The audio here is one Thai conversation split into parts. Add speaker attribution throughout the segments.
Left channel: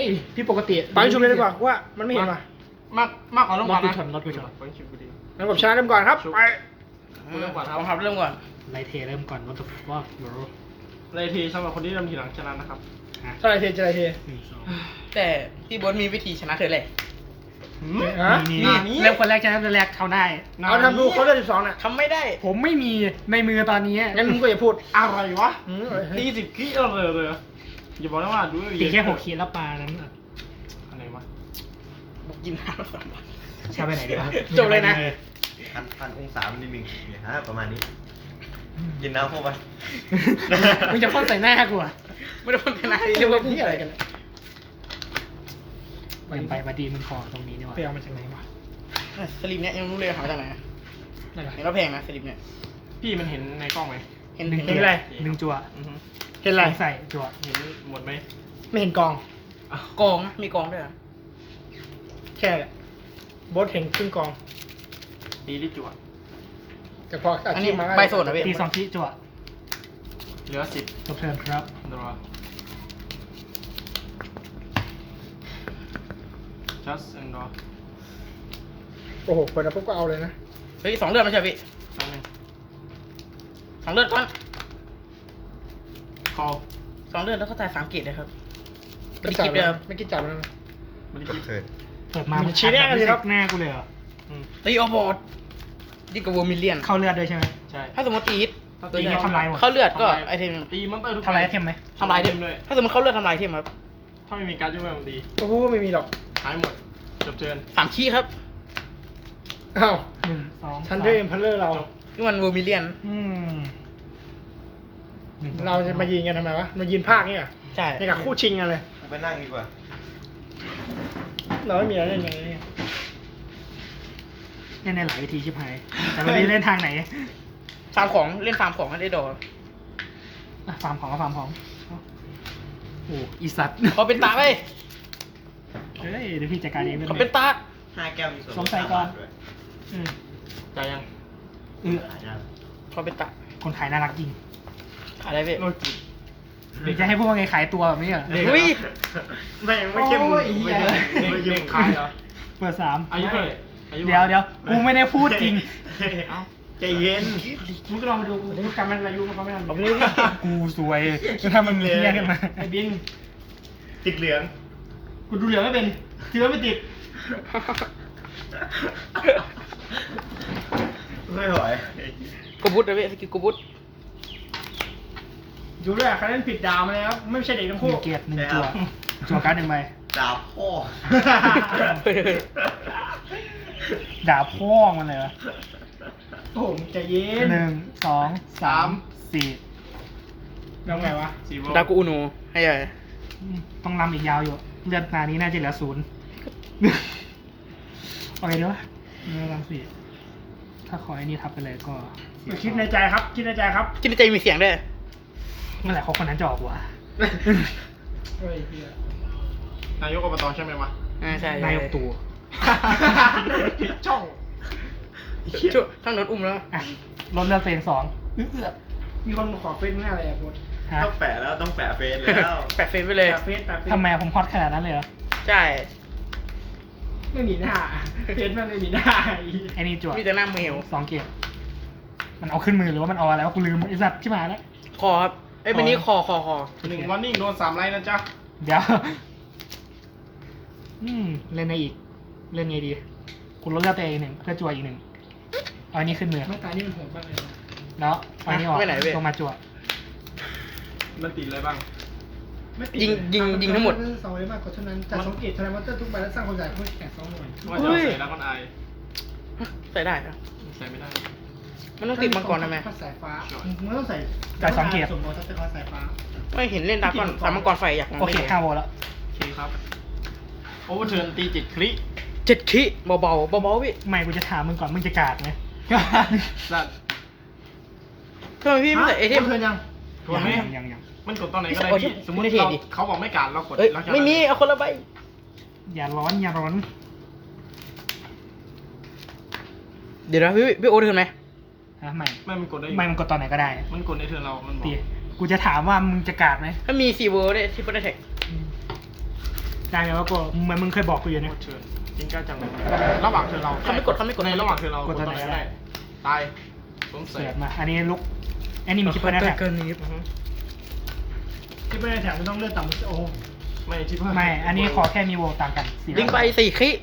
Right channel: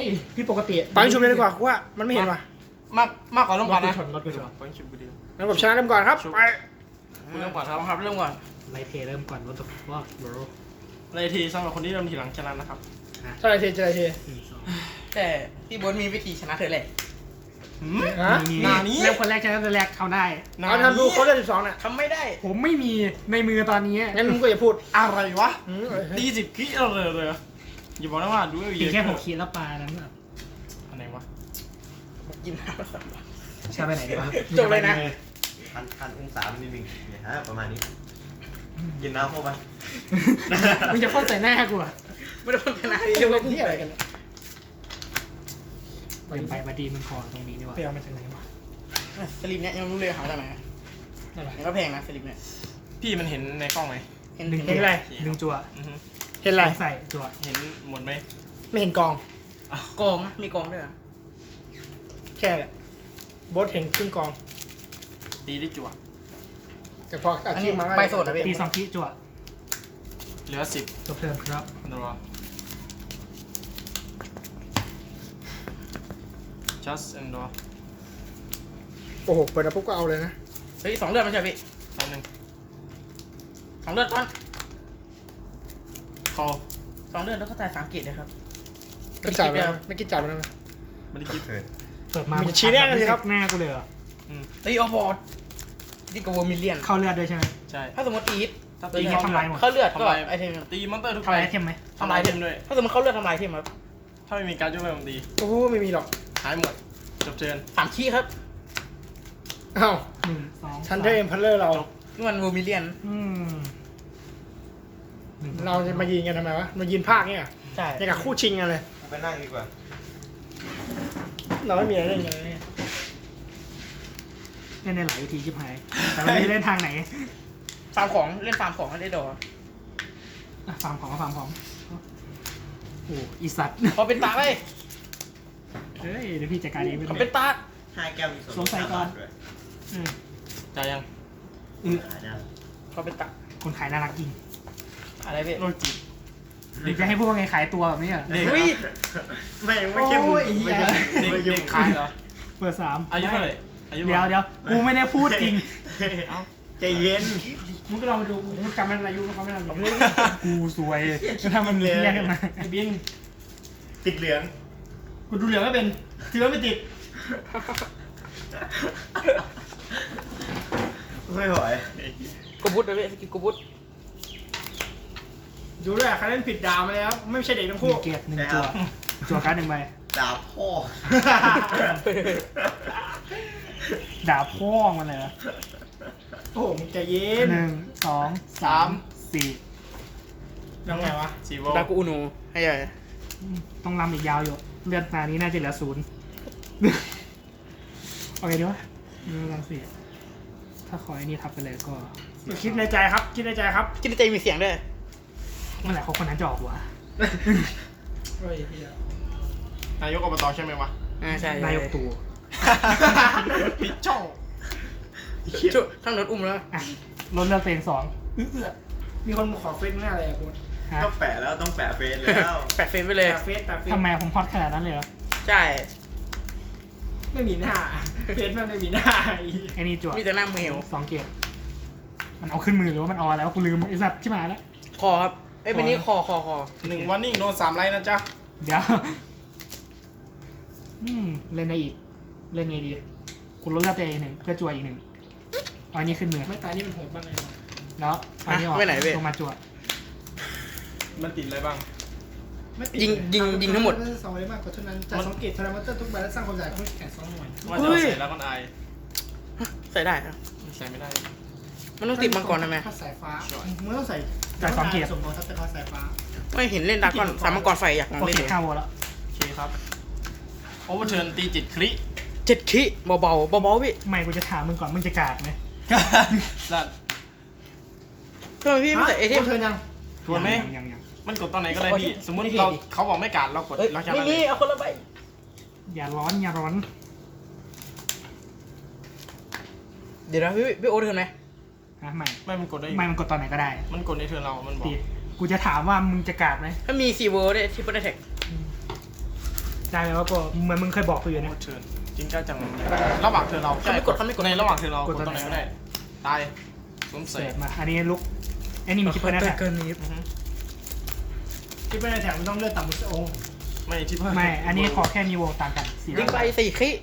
Speaker 1: อ้พี่ปกติ
Speaker 2: ปังชุบเลยดีกว่าว่ามันไม่เห็นว่ะ
Speaker 3: มากกว่าเริ่ม
Speaker 1: ร
Speaker 3: ก่
Speaker 1: ถ
Speaker 3: อน
Speaker 1: กู
Speaker 3: นะ
Speaker 1: ชนรถกูชน
Speaker 3: ไปชิมกูดี
Speaker 2: งั้นผมชนะเริ่มก่อนครับไป
Speaker 3: เริ่มก่อนครับ
Speaker 4: บังคับเริ่มก่อน
Speaker 1: ไลเทเริ่มก่อนรถว่าโร
Speaker 3: เลยทีสำหรับคนที่เริ่มทีหลังชนะนะครับ
Speaker 2: เท่าไรเทเท่าไรเท
Speaker 4: 1 2 แต่พี่โบ๊ทมีวิธีชนะเธอเลย
Speaker 2: ฮะ
Speaker 1: นี่เริ่มคนแรกชนะคนแรกเขาได้
Speaker 2: เอาทำดูเขาเลือด12น่ะ
Speaker 4: ทำไม่ได้
Speaker 1: ผมไม่มีในมือตอนนี้
Speaker 2: งั้นมึงก็อย่าพูด
Speaker 3: อะไรวะ
Speaker 2: เฮ้ย
Speaker 3: ตี10คิเลยอย่าบอกนะว่าดู
Speaker 1: ตีแค่6 ขีดแล้วปลานั้น
Speaker 3: อะไรวะ
Speaker 4: กินน้ำก่อน
Speaker 1: ใช่ไปไหนดีวะ
Speaker 4: จบเลยนะ
Speaker 5: พันองศามิลลิเมตรเนี่ยฮะประมาณนี้กินน้ำเข้าไป
Speaker 1: มึงจะพ่นใส่หน้ากูอ่ะ
Speaker 4: ไม่ได้พ้นชนะ
Speaker 2: เรื่องที่อะไรกันเนี่ย
Speaker 1: ไปมาดีมึงขอตรงนี้ดีกว่า
Speaker 2: ไปเอามันจากไหนวะ
Speaker 4: สลิปเนี้ยยังรู้เลยหามาจากไหน
Speaker 2: นั่นแหละ
Speaker 4: เห็นว่าแพงนะสลิปเนี้ย
Speaker 3: พี่มันเห็นในกล้องไหม
Speaker 4: เห็น
Speaker 1: หนึ่ง
Speaker 4: เห็น
Speaker 2: อะไร
Speaker 1: หนึ่งจั่ว
Speaker 2: เห็นอะไร
Speaker 1: ใส่จั่ว
Speaker 3: เห็นหมดไหม
Speaker 2: ไม่เห็นกอง
Speaker 4: กองนะมีกองด้วยเหรอ
Speaker 2: แค่แหละโบสเห็นครึ่งกอง
Speaker 3: ตีได้จั่ว
Speaker 2: แต่พออาชีพมา
Speaker 4: ใบโสดนะพี่
Speaker 1: ตี2 ขีดจั่ว
Speaker 3: เหลือ10
Speaker 1: จบเทิร์นครับ
Speaker 3: เดี๋ยวjust and draw
Speaker 2: โอ้โหเปิดมาปุ๊บก็เอาเลยนะ
Speaker 4: เฮ้ย2 เลือดไม่ใช่พี่
Speaker 3: แป๊บนึง
Speaker 4: 2 เลือดก่อน
Speaker 3: call
Speaker 4: 2 เลือดแล้วก็ตาย3 เกตเลยครับ
Speaker 2: ไม่จับแล้วไม่กินจับแล้วนะ
Speaker 3: ไม่ได้คิด
Speaker 5: เถิด
Speaker 1: เปิดมา
Speaker 2: มึงชี้หน้ากันสิครับ
Speaker 1: หน้ากูเลยเหรอ
Speaker 4: ตีออบอร์ดดีกว่าวูมิเลียน
Speaker 1: เข้าเลือดด้วยใช่ไหม
Speaker 3: ใช่
Speaker 4: ถ้าสมมติอีท
Speaker 3: ถ้า
Speaker 1: ตี
Speaker 3: ตี
Speaker 1: ทำลายหมด
Speaker 4: เข้าเลือดก็ไอเทม
Speaker 3: ตีมอนเตอร์ทุก
Speaker 1: เข้าอะไรเทมไหม
Speaker 4: ทำลายเทม
Speaker 3: ด้วย
Speaker 4: ถ้าสมมติเข้าเลือดทำลายเทมครับ
Speaker 3: ถ้าไม่มีการยุ่งเรื่องตี
Speaker 2: โอ้โหไม่มีหรอก
Speaker 3: หายหมดจบเทิร์น
Speaker 4: 3 ขี้ครับ
Speaker 2: อ้าว
Speaker 1: 1 2
Speaker 2: ชันเดอร์เอ็มพัลเลอร์เรา
Speaker 4: นี่มันวูมิเลียน
Speaker 1: อืมหนึ่ง
Speaker 2: เราจะมายิงกันทำไมวะมายิงภาคเนี่ย
Speaker 4: ใช่
Speaker 2: ในกับคู่ชิงกันเลย
Speaker 5: เอาไปนั่งดีกว่า
Speaker 2: เราไม่มีอะไรเล่นกันเลยเนี่ย
Speaker 1: เล่นในหลายวิธีชิบหายแต่ไม่รู้เล่นทางไหน
Speaker 4: ฟาร์มของเล่นฟาร์มของให้ได้ดอก
Speaker 1: อ่ะฟาร์มของก็ฟาร์มของโอ้อีสัตว์
Speaker 4: เขาเป็นตาไป
Speaker 1: เฮ้ยเดี๋ยวพี่จัดการเองไม่
Speaker 4: เขา
Speaker 1: ได้
Speaker 4: เป็นตา
Speaker 5: 5 แก้วมีส่วน
Speaker 1: สงสัยก่อน
Speaker 5: ด้วย
Speaker 1: อืม
Speaker 3: จ่ายยัง
Speaker 5: หาได้
Speaker 4: เขาเป็นตา
Speaker 1: คนขายน่ารักจริง
Speaker 4: อะไรพี่
Speaker 3: โลจิ
Speaker 1: หรือจะให้พวกไงขายตัวแบบนี้เหรอ
Speaker 4: เฮ้ย
Speaker 5: ไม่ใช่มึง
Speaker 1: โอ้ยเหี้ย
Speaker 5: ไม่ใช่
Speaker 3: เด็
Speaker 5: มึ
Speaker 3: ก
Speaker 5: ง
Speaker 3: ขายเหรอ
Speaker 1: เปิด3
Speaker 3: อายุเท่าไหร่อายุ
Speaker 1: เดี๋ยวกูไม่ได้พูดจริง
Speaker 5: ใจเย็น
Speaker 2: มึงก็ลองไปดูมึงจำมันอายุมันก็ไม่นานหรอก
Speaker 1: กูสวยถ้ามันมีแยกกันมา
Speaker 2: ไอ้บิน
Speaker 5: ติดเหลือง
Speaker 2: กูดูเหลืองไม่เป็นถือว่าไม่ติด
Speaker 5: ไม่ไหว
Speaker 4: กูบุตเลยพี่สกิลกูบุต
Speaker 2: ดูด้วยใครเล่นผิดดาวมาแล้วไม่ใช่เด็กทั้ง
Speaker 1: ห
Speaker 2: คู่
Speaker 1: นึ่งเกียรติ1 จั่วการ์ด1 ใบ
Speaker 5: ดาบพ่อ
Speaker 1: ด่าพ่อมันเลยเหรอ
Speaker 2: โอ้โหมึงใจเย็น
Speaker 1: 1 2 3 4
Speaker 2: ยังไงวะ
Speaker 3: สีโบ
Speaker 4: ดากูอุโนให้ใหญ่
Speaker 1: ต้องรำอีกยาวอยู่เลือดนานี้น่าจะเหลือ0โอเคด้วยไม่ต้อง4ถ้าขอไอ้นี่ทับไปเลยก็
Speaker 2: คิดในใจครับคิดในใจครับ
Speaker 4: คิดในใจมีเสียงด้วย
Speaker 1: เมื่อไหร่เขาคนนั้นจะออกวะ
Speaker 2: เฮ้ยเหี้ย
Speaker 3: นายกอบตใช่ไหมวะ
Speaker 4: ใช่
Speaker 1: นายกตู่
Speaker 3: ปิดช่อง
Speaker 4: ช่วยทั้งรถอุ้มแล้ว
Speaker 1: อ่ะลดเลือดตัวเอง2
Speaker 2: มีคนขอเฟซง่ายเลยอ่ะคุณ
Speaker 1: ฮะ
Speaker 5: ต้องแปะแล้วต้องแปะเฟซแล้ว
Speaker 4: แปะเฟซไปเลย
Speaker 2: แปะเฟซแปะเฟซ
Speaker 1: ทำไมผมฮอตขนาดนั้นเลยเหรอ
Speaker 4: ใช่
Speaker 2: ไม่มีหน้าเฟซมันไม่มีหน้า
Speaker 1: ไอ้นี่จั่ว
Speaker 4: มีแต่หน้าเมล
Speaker 1: 2 เกียรติมันเอาขึ้นมือหรือว่ามันเอาอะไรวะกูลืมไอ้สัตว์ที่มาแล้ว
Speaker 4: คอครับเอ้ยเป็นนี้คอ
Speaker 3: 1 วันนิ่งโดน3 ไลน์นะจ๊ะ
Speaker 1: เดี๋ยวเล่นได้อีกเล่นไงดีคุณลดเลือดตัวเอง1เพื่อจั่วอีก1เอาอันนี้ขึ้นมือ
Speaker 2: ไม่ตายนี่มันโหดบ้างเลย
Speaker 1: แล้วเอาอันนี้ออกลงมาจั่ว
Speaker 3: มันติดอะไรบ้าง
Speaker 4: ยิงทั้งหมด
Speaker 2: สองเลยมากกว่าเท่านั้นแต่สังเกตแสดงว่าทุกใบแล้วสร้างความใหญ่เพื่อแข่ง2 หน่วย
Speaker 3: ว่าจะใส่แล้วก็อาย
Speaker 4: ใส่ได้ครับ
Speaker 3: ใส่ไม่ได้
Speaker 4: มันต้องติดมังกรทำไม
Speaker 2: ถ้าสายฟ้ามึงต้องใส่สมมติถ้าจะเอาสายฟ้า
Speaker 4: ไม่เห็นเล่นดาร์กอนสามมังกรไฟอยากมอง
Speaker 1: โอ
Speaker 4: ไม่
Speaker 1: เค
Speaker 4: เห็น
Speaker 1: 5 โวแล้ว
Speaker 3: โอเคครับโอเวอร์เทิร์นตี7 คลิ
Speaker 4: 7 ขี้เบาๆพี่
Speaker 1: ไม่กูจะถามมึงก่อนมึงจะกาดไหม
Speaker 3: สัตว์
Speaker 4: ทำไมพี่ไม่ใส่ไอเทม
Speaker 2: เธอยัง
Speaker 3: รวมไหม
Speaker 1: ยัง
Speaker 3: มันกดตอนไหนก็ได้พี่สมมติ
Speaker 4: ไม่ได้
Speaker 3: เรา
Speaker 4: ดิ
Speaker 3: เขาบอกไม่การเรากด
Speaker 4: เอ้ย
Speaker 3: เราชนะ
Speaker 4: ไม่มีเอาคนละใบ
Speaker 1: อย่าร้อน
Speaker 4: เดี๋ยวนะพี่โอ๊ตถึงไหม
Speaker 1: นะไม่
Speaker 3: ไม่มันกดได้อยู่
Speaker 1: ไม่มันกดตอนไหนก็ได้
Speaker 3: มันกดในเทิร์นเรา มันบอ
Speaker 1: ตี
Speaker 3: ก
Speaker 1: กูจะถามว่ามึงจะกาดไหม
Speaker 4: ถ้ามีซีเวิร์ได้ที่เปิลแท็ก
Speaker 1: ได้ไหมว่ากูเหมือนมึงเคยบอกกูอยู่
Speaker 3: โอ
Speaker 1: เนี่ย
Speaker 3: เวอร์เทิร์นทิ้งการจังหวะระหว่างเทิร์นเรา
Speaker 4: เขาไม่กด
Speaker 3: ในระหว่างเทิร์นเรากดตรงไหนก็ได้ตายสวม
Speaker 1: เส
Speaker 3: ใส่
Speaker 1: ร็จมาอันนี้ลุกอันนี้มีคิปเปอร์นะ
Speaker 4: เกินนี้
Speaker 2: ที่ไม่ได้แถมมันต้องเลือดต่ำมันจะโอ้
Speaker 3: ไม่ที่เพิ่ม
Speaker 1: ไม่อันนี้ขอแค่มีวงต่างกัน4
Speaker 4: ลิงไป4ขี้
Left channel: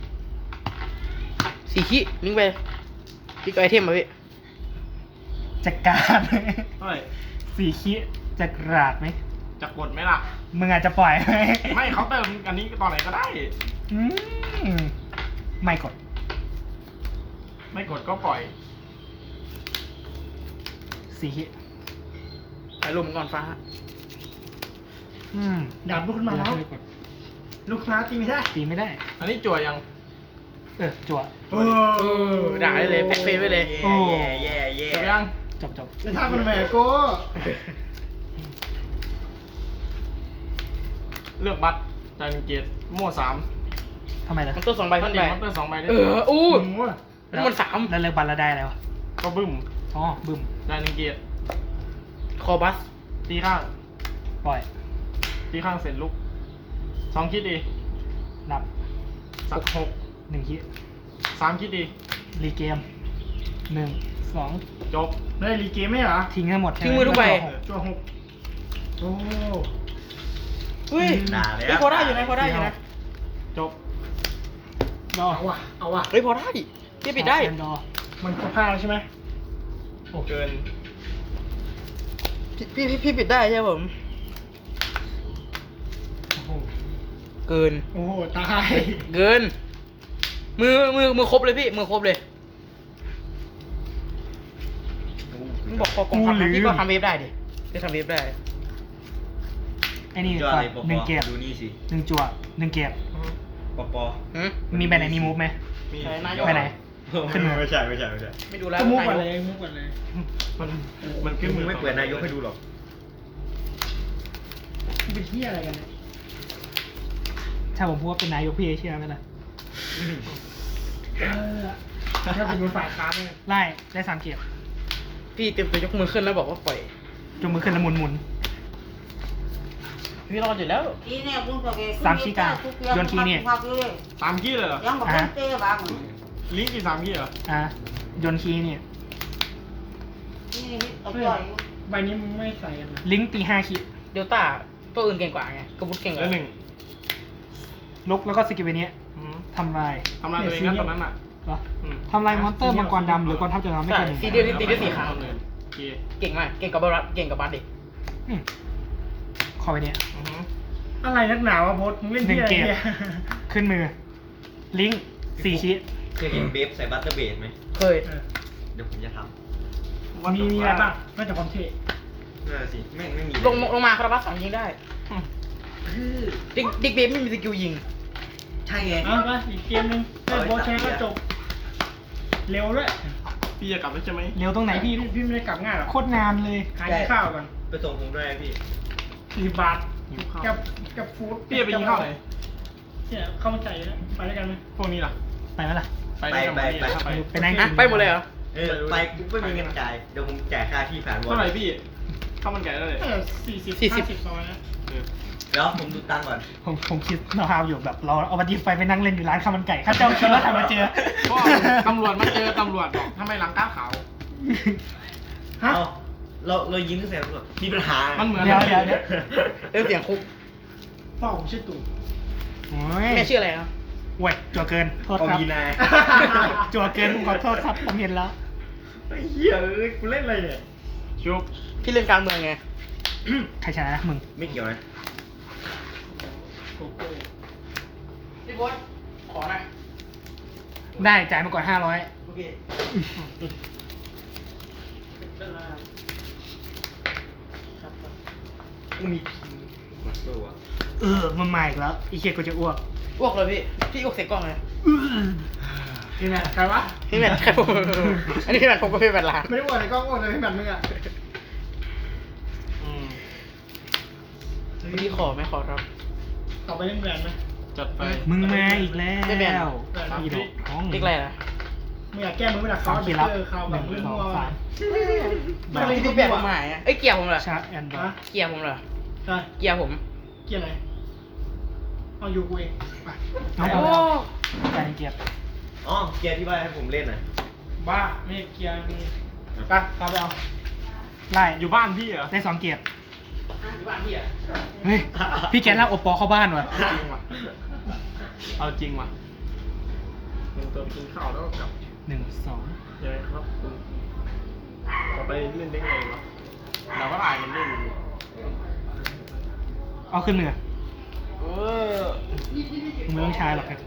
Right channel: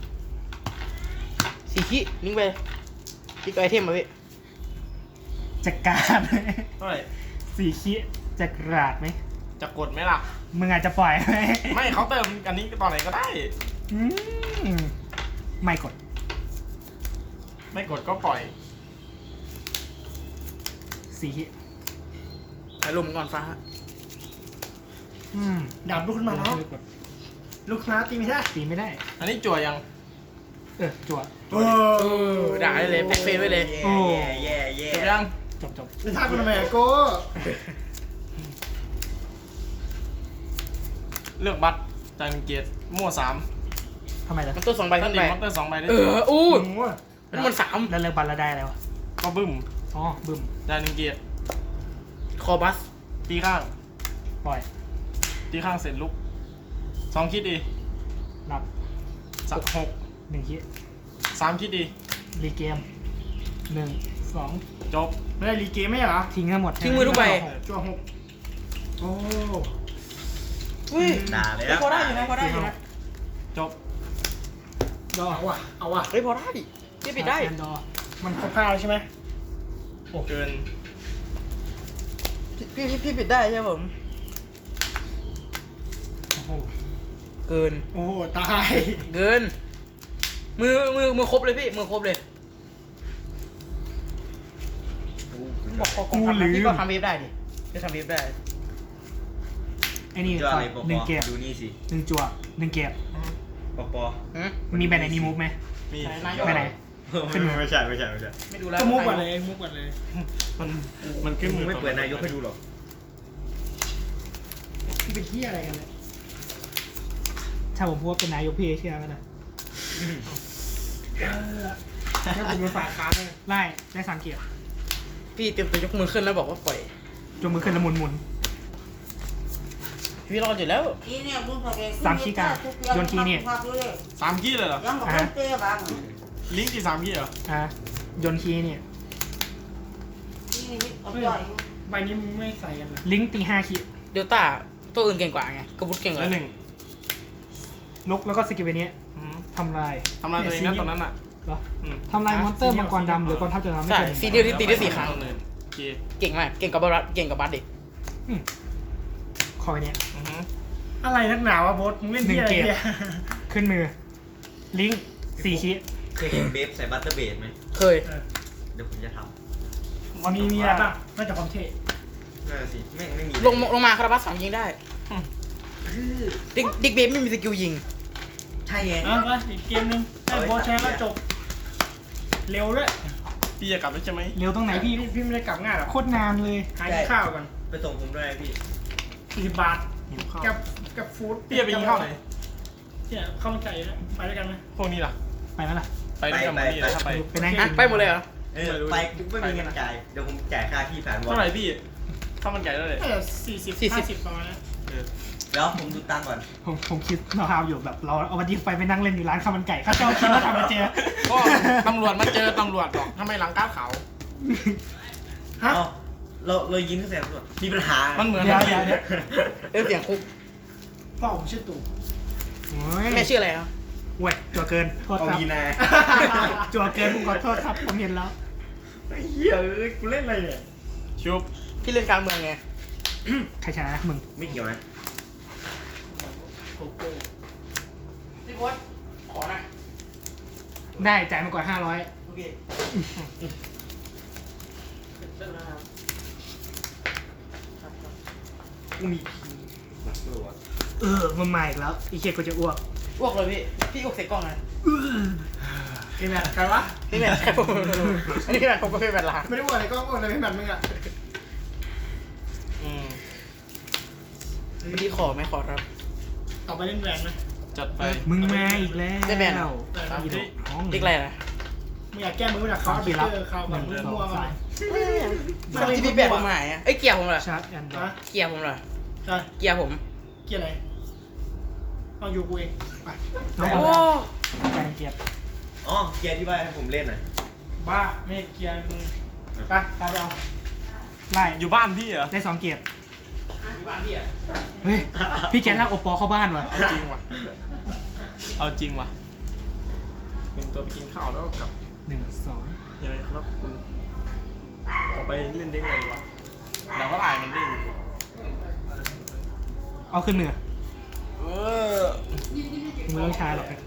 Speaker 4: ลิงไปลิงไอเทมมาพี่
Speaker 1: จัดการ
Speaker 3: เท่าไหร่
Speaker 1: 4คิจะกราดไหม
Speaker 3: จะกดไหมล่ะ
Speaker 1: มึงอาจจะปล่อยไหม
Speaker 3: ไม่เขาเติมอันนี้ตอนไหนก็ได้
Speaker 1: อืมไม่กด
Speaker 3: ไม่กดก็ปล่อย
Speaker 1: 4คิ
Speaker 4: ไอ้ลมก่อนฟ้า
Speaker 2: ดาบลุกขึ้นมาแล้ว
Speaker 1: ไม่กด
Speaker 2: ลุกขึ้นมาตีไม่ได้
Speaker 1: ตีไม่ได้
Speaker 3: อันนี้จั่วยัง
Speaker 1: จั่ว
Speaker 4: ด่าได้เลยแพ็คเฟซไว้เลย
Speaker 1: โอ้
Speaker 5: แย่แย่
Speaker 3: จั่วยัง
Speaker 1: จบ
Speaker 2: จะทำเป็นแม่โก้
Speaker 3: เลือกบัตรจานเกียรติโม่3
Speaker 1: ทำไมล่ะ
Speaker 4: มันตัว2ใบ
Speaker 3: ถ้า
Speaker 4: ขึ้น
Speaker 3: ติด
Speaker 4: ไป
Speaker 3: มอนเตอร์2ใบได้
Speaker 4: อู้
Speaker 2: โอ้
Speaker 4: เป็นมัน3
Speaker 1: แล้วเลิกบัลแล้วได้แล้ว
Speaker 3: ก็บึ้ม
Speaker 1: อ๋อบึ้ม
Speaker 3: จานเกียรติ
Speaker 4: คอบัส
Speaker 3: ตีข้าง
Speaker 1: ปล่อย
Speaker 3: ตีข้างเสร็จลุก2คิดดี
Speaker 1: รับ
Speaker 3: สัก6
Speaker 1: 1คิ
Speaker 3: 3คิดดี
Speaker 1: รีเกม1 2
Speaker 3: จบ
Speaker 2: ไม่ได้รีเกมไหมเหรอ
Speaker 1: ทิ้งทั้งหมด
Speaker 4: ทิ้งมือทุกใบ
Speaker 2: จั่ว6โอ้
Speaker 4: อุ้ย
Speaker 5: ด่าเลย
Speaker 4: พอได้อยู่นะพอได้อยู่นะ
Speaker 3: จบ
Speaker 1: ดอ
Speaker 2: เอาว่ะเอาว่ะ
Speaker 4: เฮ้ยพอได้พี่ปิดได้
Speaker 1: ดอ
Speaker 2: มันครบ5แล้วใช่ไหม
Speaker 3: เกิน
Speaker 4: พี่ปิดได้ใช่ผม
Speaker 1: โอ้โห
Speaker 4: เกิน
Speaker 2: โอ้โหตาย
Speaker 4: เกิน มือครบเลยพี่มือครบเลยบอกพอกองทัพพี่ก็ทำเวฟได้ดิพี่ทำเวฟได้
Speaker 1: ไอ้นี่
Speaker 5: จอ
Speaker 1: ก่อน
Speaker 5: เลยปอ
Speaker 1: หนึ่งเกียร์
Speaker 5: ดูนี่สิ
Speaker 1: 1จั่ว1เกียร์
Speaker 5: ปอปอ
Speaker 1: มีใบไหนมีมูฟไหม
Speaker 3: มี
Speaker 1: ไปไหน ขึ้นมา
Speaker 5: ไม่ใช่ไม่ใช่
Speaker 4: ไม่ดูแล้ว
Speaker 2: ก็มุกก่อนเลยมุกก่อนเลย
Speaker 3: มันขึ้นมือ
Speaker 5: ไม่เปิดนายกให้ดูหรอก
Speaker 2: นี่เป็นที่อะไรกันเนี่ย
Speaker 1: ถ้าผมพูดว่าเป็นนายกพี่เชื่อไหมล่ะ
Speaker 2: ถ้าเป็นรถไฟฟ้าเลย
Speaker 1: ไล่ได้3เกียร์
Speaker 4: พี่เตรียมตัวยกมือขึ้นแล้วบอกว่าปล่อย
Speaker 1: จงมือขึ้นแล้วหมุน
Speaker 4: พี่รอดอยู่แล้ว
Speaker 1: 3ขี้กลางโยนขี้นี่
Speaker 3: 3ขี้เลยเหรอ
Speaker 6: ยังบอกเป็นเต้บ้าง
Speaker 3: ลิงก์กี่3ขี้เหรอ
Speaker 1: โยนขี้นี่
Speaker 6: นี่ตัวจ่อย
Speaker 2: ใบนี้มึงไม่ใส่กันเลย
Speaker 1: ลิงก์ตี5คิ
Speaker 4: เดลต้าตัวอื่นเก่งกว่าไงกระบุดเก่งก
Speaker 3: แล้ว
Speaker 4: ว่า
Speaker 3: 1
Speaker 1: ลุกแล้วก็สกิลเวนี้ทำลาย
Speaker 3: ทำลายตัวเองนะตอนนั้นอ่ะ
Speaker 1: เหรอทำลายมอนสเตอร์มังกรดำหรือกองทัพจะทำไม่
Speaker 4: ใช่
Speaker 1: เกิน
Speaker 4: ซีเดียลที่ตีได้4 ครั้ง
Speaker 3: โอเค
Speaker 4: เก่งมากเก่งกับบัสเก่งกับบัสดิ
Speaker 1: ขอไปเนี้ย
Speaker 2: อะไรนักหนาวะโบสมึงเล่นที่อะไรเนี่ย
Speaker 1: ขึ้นมือ ลิงก์4คิ
Speaker 5: เคยเห็นเบฟใส่บัตเตอร์เบดไหม
Speaker 4: เคย
Speaker 5: เดี๋ยวผมจะท
Speaker 2: มีอะไรบ้างนอกจากความเท่
Speaker 5: ำนั่นสิไม่มี
Speaker 4: ลงมาคาราบัส3ยิงได้ดิกเบฟไม่มีสกิลยิง
Speaker 5: ใช่ไง
Speaker 2: เอาไปอีกเกมนึงถ้าโบสชนะก็จบ เร็วด้วย
Speaker 3: พี่จะกลับแล้วใช่ไหม
Speaker 1: เร็วตรงไหนพี่
Speaker 2: พี่ไม่ได้กลับง่ายหรอก
Speaker 1: โคตรนานเลย
Speaker 2: ขายข้าวก่อน
Speaker 5: ไปส่งผมด้วยพี่
Speaker 2: 40 บาทกับฟู้ด
Speaker 3: พี่จะไปกินข้าวไหน
Speaker 2: เนี่ยข้าวมันไก่นะไปด้วยกันไหม
Speaker 3: พวกนี้ล่ะ
Speaker 1: ไปไหมล่ะ
Speaker 3: ไปด้วยกันไหมพี่ถ้าไป
Speaker 1: ไปนั่ง
Speaker 4: ฮะไปหมดเลยเหรอ
Speaker 5: ไปปุ๊บไม่มีเงินจ่ายเดี๋ยวผมจ่ายค่าที่ผ่านวอ
Speaker 3: เท่าไหร่พี่ข้าวมันไก่เท่าไหร่
Speaker 2: ก็40 50ประมาณนั้น
Speaker 5: แล้วผมดูตังค์ก่อน
Speaker 1: ผมคิดเราอยู่แบบเราเอามาดีไฟไปนั่งเล่นอยู่ร้านข้าวมันไก่ข้าเจ้าคิดว่าทำมาเจอ
Speaker 3: ก็ตำรวจมาเจอตำรวจบอกทำไมหลังก้าวขาว
Speaker 2: ฮะ
Speaker 5: เอาเรายิงเสร็จก่อนมีปัญหา
Speaker 3: มันเหมือน
Speaker 1: เดี๋ยว
Speaker 4: เสียงคุก
Speaker 2: พ่อผมชื่อตู่
Speaker 1: โอ้ย
Speaker 4: แม่ชื่ออะไรครับ
Speaker 1: เว้ยจั่วเกินโทษ
Speaker 5: เอา
Speaker 1: ครับ
Speaker 5: มีนา
Speaker 1: จั่วเกินผมขอโทษครับผมเห็นแล้ว
Speaker 5: ไอ้เหี้ยเอ้ยกูเล่นอะไรเนี่ย
Speaker 3: ชุบ
Speaker 4: พี่เล่นการเมืองไง
Speaker 1: ใครชนะมึง
Speaker 5: ไม่เกี่ยวนะ
Speaker 4: พี่โบอสขอหน่อย
Speaker 1: ได้จ่ายมาก่อน500
Speaker 4: โอเค
Speaker 5: กูมีพีมาสู้อ่ะ
Speaker 1: มันมาอีกแล้วอีเคียกูจะอ้วก
Speaker 4: อ้วกเลยพี่อ้วกเสกกล้องไง
Speaker 2: นี่ไงใครวะ
Speaker 4: พี่แมทครับผมอันนี้คือแบบผมก็พี่แมทล้าง
Speaker 2: ไม่ได้ว่าในกล้องว่าในพี่แมทมึงอ่ะ
Speaker 4: เมื่อกี้ขอไหมขอรับ
Speaker 2: ต่อไปเล่นแบรนด์ไหม
Speaker 3: จัดไป
Speaker 1: มึงมาอีกแล้ว
Speaker 4: ได้แบน
Speaker 1: อีดอกท้อง
Speaker 4: เรียกอะไรนะ
Speaker 2: มึงอยากแก้มือหนัก
Speaker 1: สา
Speaker 2: เขา
Speaker 1: ม
Speaker 2: เจ
Speaker 1: ขีดรับ
Speaker 2: อเขาแบบมึง
Speaker 1: 1
Speaker 2: มัว
Speaker 1: 2 3
Speaker 4: ทำไมพี่แบบผมหายอ่ะเอ้ยเกียร์ผมเหรอ
Speaker 1: ชาร์จแอนด์ดรอ
Speaker 2: ฮะ
Speaker 1: ป
Speaker 4: เกียร์ผมเหรอ
Speaker 2: ใช่
Speaker 4: เกียร์ผม
Speaker 2: เกี่ยอะไรเอาอยู่กูเองไป
Speaker 1: ไม่เอาใจเกียร์
Speaker 5: อ๋อเกียร์ที่บ้านให้ผมเล่นน่ะ
Speaker 2: บ้าไม่ได้เกียร์มึงไปกลับไปเอา
Speaker 1: ไล่
Speaker 3: อยู่บ้านพี่เหรอ
Speaker 1: ได้2เกียร์
Speaker 2: อยู่บ้านพี่อ่ะ
Speaker 1: เฮ้ยพี่แกลากโอปอเข้าบ้านว่ะ
Speaker 3: จริงว่ะเอาจริงว่ะ
Speaker 2: เป็นตัวกินข้าวแล้วกลับ
Speaker 1: 1 2
Speaker 3: เดี๋ยวครับคุณต่อไปเล่นได้ไงวะเราก็อ่านกันได้อยู่
Speaker 1: เอาขึ้นมือ
Speaker 3: เออ
Speaker 1: มือต้องใช้หรอกครับ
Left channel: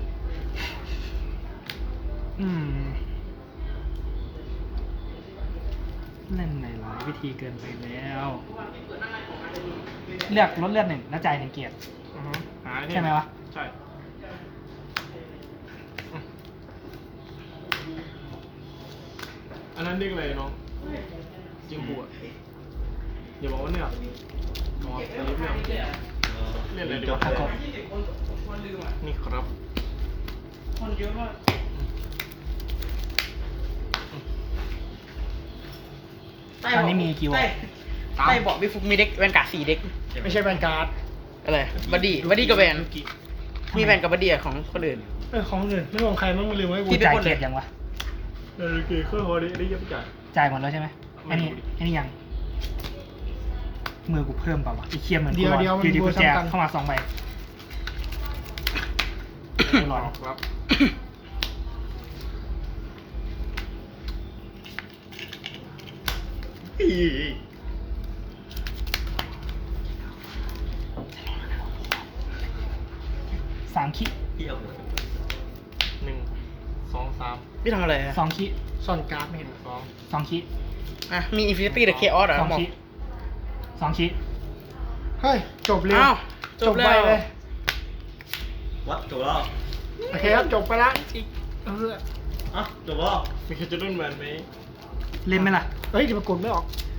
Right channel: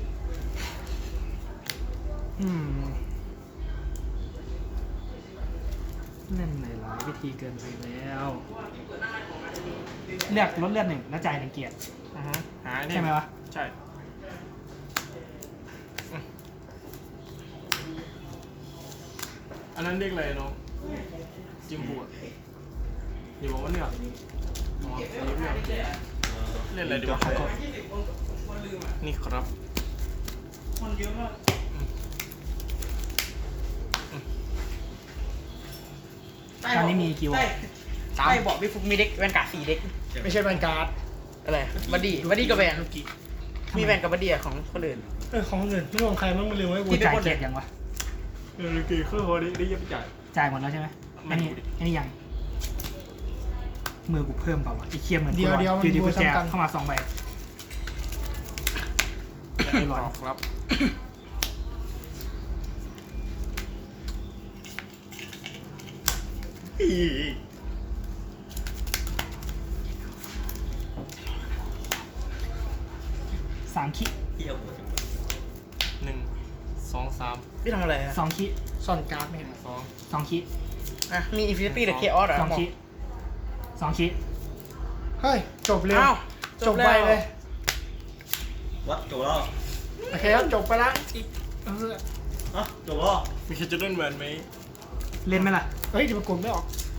Speaker 1: เล่นในหลายวิธีเกินไปแล้วเลือกลดเลือด1แล้วจ่าย1เกียร์
Speaker 3: หาเนี่ย
Speaker 1: ใช่ไหมวะ
Speaker 3: ใช่อันนั้นเรียกอะไรน้องจิมบูอ่ะอย่าบอกว่าเนี่ยอ๋อสลิปเนี่ยเล่นอะไรดีวะนี่ครับ
Speaker 2: คนเยอะมาก
Speaker 1: ตอนนี้มีกี่วะ
Speaker 4: ใต้บอกพี่ฟุกมีเด็กแวนการ์ด4เด็ก
Speaker 2: ไม่ใช่แวนการ์ด
Speaker 4: อะไรบัดดี้กับแวนมีแวนกับบัดดี้ของคนอื่น
Speaker 2: ของคนอื่นไม่ของใครมั่งมันลืมไว้กู
Speaker 1: กูจ่ายเกียร์ยังวะ
Speaker 3: เออเกย์เครื่องฮอลได้เยอะไปจ่าย
Speaker 1: จ่ายหมดแล้วใช่ไหมอันนี้ยังมือกูเพิ่มเปล่าวะไอ้เคียเหมือน
Speaker 2: เดี๋ยวมัน
Speaker 1: อยู่ดี
Speaker 2: บั
Speaker 1: กู
Speaker 2: ว
Speaker 1: แจก
Speaker 2: ซ้ำกัน
Speaker 1: เข้ามา2ใบเรียบร้อย
Speaker 3: ครับ
Speaker 1: 3คิ
Speaker 5: เที่ยวหมด
Speaker 3: 1 2 3
Speaker 4: พี่ทำอะไรฮะ
Speaker 1: 2คิ
Speaker 2: ซ่อนการ์ดไม่เห็น
Speaker 1: 2คิ
Speaker 4: อ่ะมีอินฟินิตี้หรือเคออสเหรอ
Speaker 1: 2คิ2คิ
Speaker 2: เฮ้ยจบเร็ว
Speaker 4: อ้าว
Speaker 2: จบไปเลย
Speaker 5: วัดจบแล้ว
Speaker 2: โอเคครับจบไปละอีกเออ
Speaker 5: อ่ะจบแล้ว
Speaker 3: มีแคจูเดิลแมนไหม
Speaker 1: เล่นไหมล่ะ
Speaker 2: เฮ้ยเดี๋ยวมันกดไม่ออก